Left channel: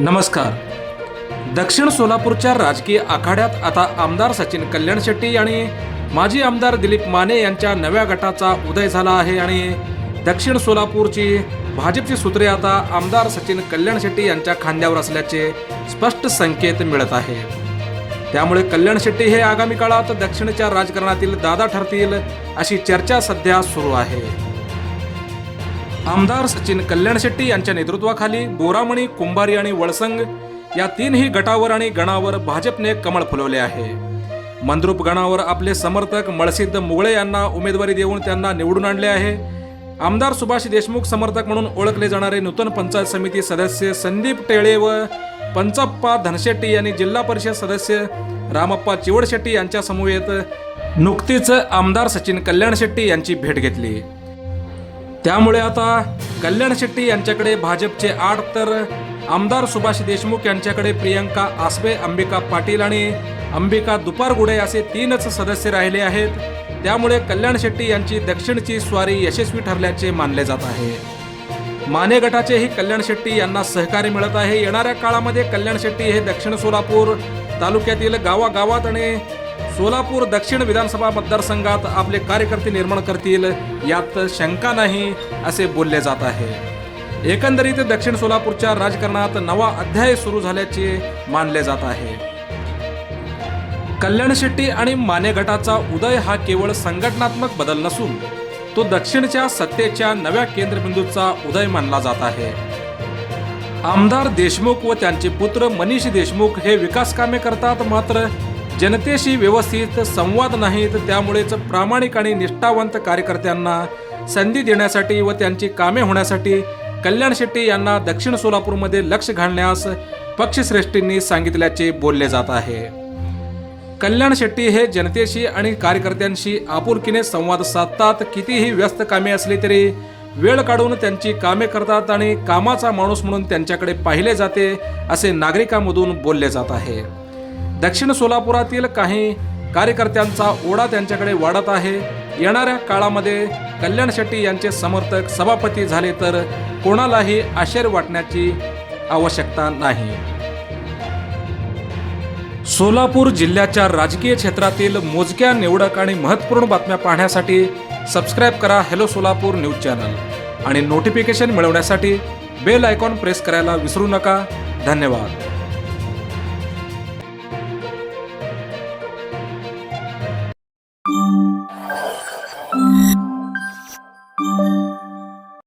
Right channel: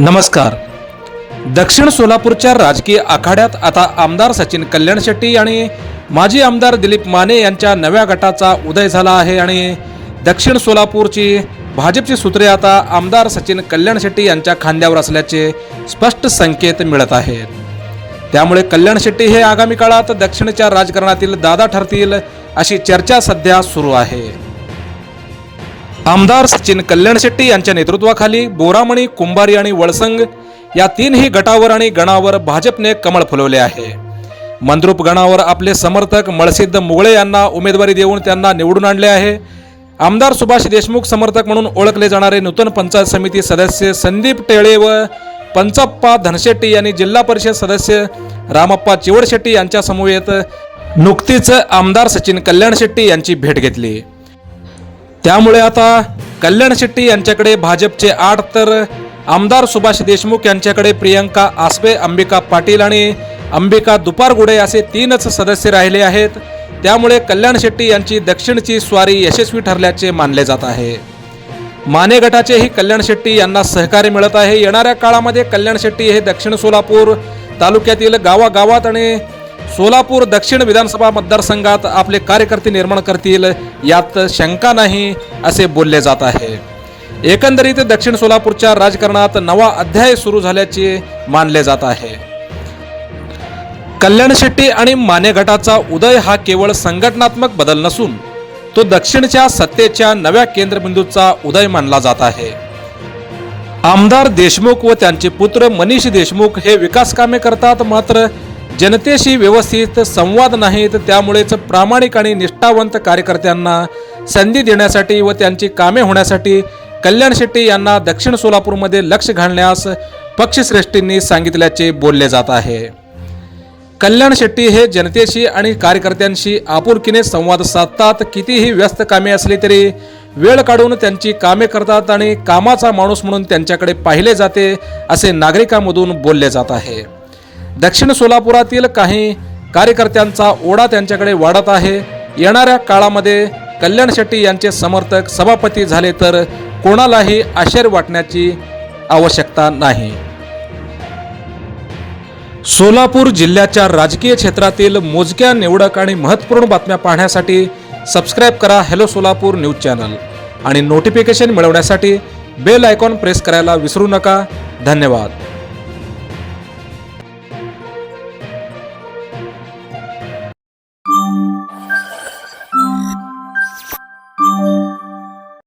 नमस्कार। दक्षिण सोलापूरच्या राजकीय आखाड्यात आता आमदार सचिन कल्याण शेट्टी आणि माजी आमदार दिलीप माने यांच्या नव्या गटाचा उदय झाला आहे आणि दक्षिण सोलापूरची भाजपची सूत्रे आता आमदार सचिन कल्याण शेट्टी यांच्या खांद्यावर असल्याचे स्पष्ट संकेत मिळत आहेत। त्यामुळे कल्याण शेट्टी हे आगामी काळात दक्षिणच्या राजकारणातील दादा ठरतील अशी चर्चा सध्या सुरू आहे। आमदार सचिन कल्याण शेट्टी यांच्या नेतृत्वाखाली बोरामणी, कुंभारी आणि वळसंग या तीनही गटावर आणि गणावर भाजपने कमळ फुलवले आहे। मंद्रुप गणावर आपले समर्थक मळसिद्ध मुगळे यांना उमेदवारी देऊन त्यांना निवडून आणले आहे। आमदार सुभाष देशमुख समर्थक म्हणून ओळखले जाणारे नूतन पंचायत समिती सदस्य संदीप टेळे व पंचप्पा धनशेट्टी यांनी जिल्हा परिषद सदस्य रामप्पा चिवडशेट्टी यांच्या समवेत नुकतीच आमदार सचिन कल्याण शेट्टी यांची भेट घेतली। त्यामुळे आता कल्याण शेट्टी यांच्याकडे भाजपचे 8 तर आमदार सुभाष देशमुख यांच्याकडे प्रियंका आसबे, अंबिका पाटील आणि अंबिका दुपारगुडे असे 3च सदस्य राहिले आहेत। त्यामुळे कल्याण शेट्टी यांची दक्षिणची स्वारी यशस्वी ठरल्याचे मानले जात आहे। माने गटाचेही कल्याण शेट्टी यांना सहकार्य मिळत आहे। येणाऱ्या काळामध्ये कल्याण शेट्टी हे दक्षिण सोलापूर तालुक्यातील गावागावात आणि सोलापूर दक्षिण विधानसभा मतदारसंघात आपले कार्यकर्ते निर्माण करतील यात शंका नाही असे बोलले जात आहे। एकंदरीत दक्षिण सोलापूरच्या राजकारणात नवा अध्याय सुरू झाल्याचे मानले जात आहे। कल्याण शेट्टी आणि माने गटाचा उदय हा केवळ संघटनात्मक बदल नसून तो दक्षिणच्या सत्तेच्या नव्या केंद्रबिंदूचा उदय मानला जात आहे। आमदार देशमुख व त्यांचे पुत्र मनीष देशमुख हे विकास कामे करतात, मात्र जनतेशी व्यवस्थित संवाद नाहीत। त्यामुळेच प्रामाणिक आणि निष्ठावंत कार्यकर्त्यांना संधी देण्यासाठी व त्यांची कामे होण्यासाठी कल्याण शेट्टी यांना दक्षिण सोलापूरमध्ये लक्ष घालण्यास पक्षश्रेष्ठींनी सांगितल्याचे बोलले जात आहे। कल्याण शेट्टी हे जनतेशी आणि कार्यकर्त्यांशी आपुलकीने संवाद साधतात। कितीही व्यस्त कामे असली तरी वेळ काढून त्यांची कामे करतात आणि कामाचा माणूस म्हणून त्यांच्याकडे पाहिले जाते असे नागरिकांमधून बोलले जात आहे। दक्षिण सोलापुरातील काही कार्यकर्त्यांचा ओढा त्यांच्याकडे वाढत आहे। येणाऱ्या काळामध्ये कल्याण शेट्टी यांचे समर्थक सभापती झाले तर कोणालाही आश्चर्य वाटण्याची आवश्यकता नाही। सोलापूर जिल्ह्याच्या राजकीय क्षेत्रातील मोजक्या निवडक आणि महत्त्वपूर्ण बातम्या पाहण्यासाठी सबस्क्राईब करा हॅलो सोलापूर न्यूज चॅनल आणि नोटिफिकेशन मिळवण्यासाठी बेल आयकॉन प्रेस करायला विसरू नका। धन्यवाद।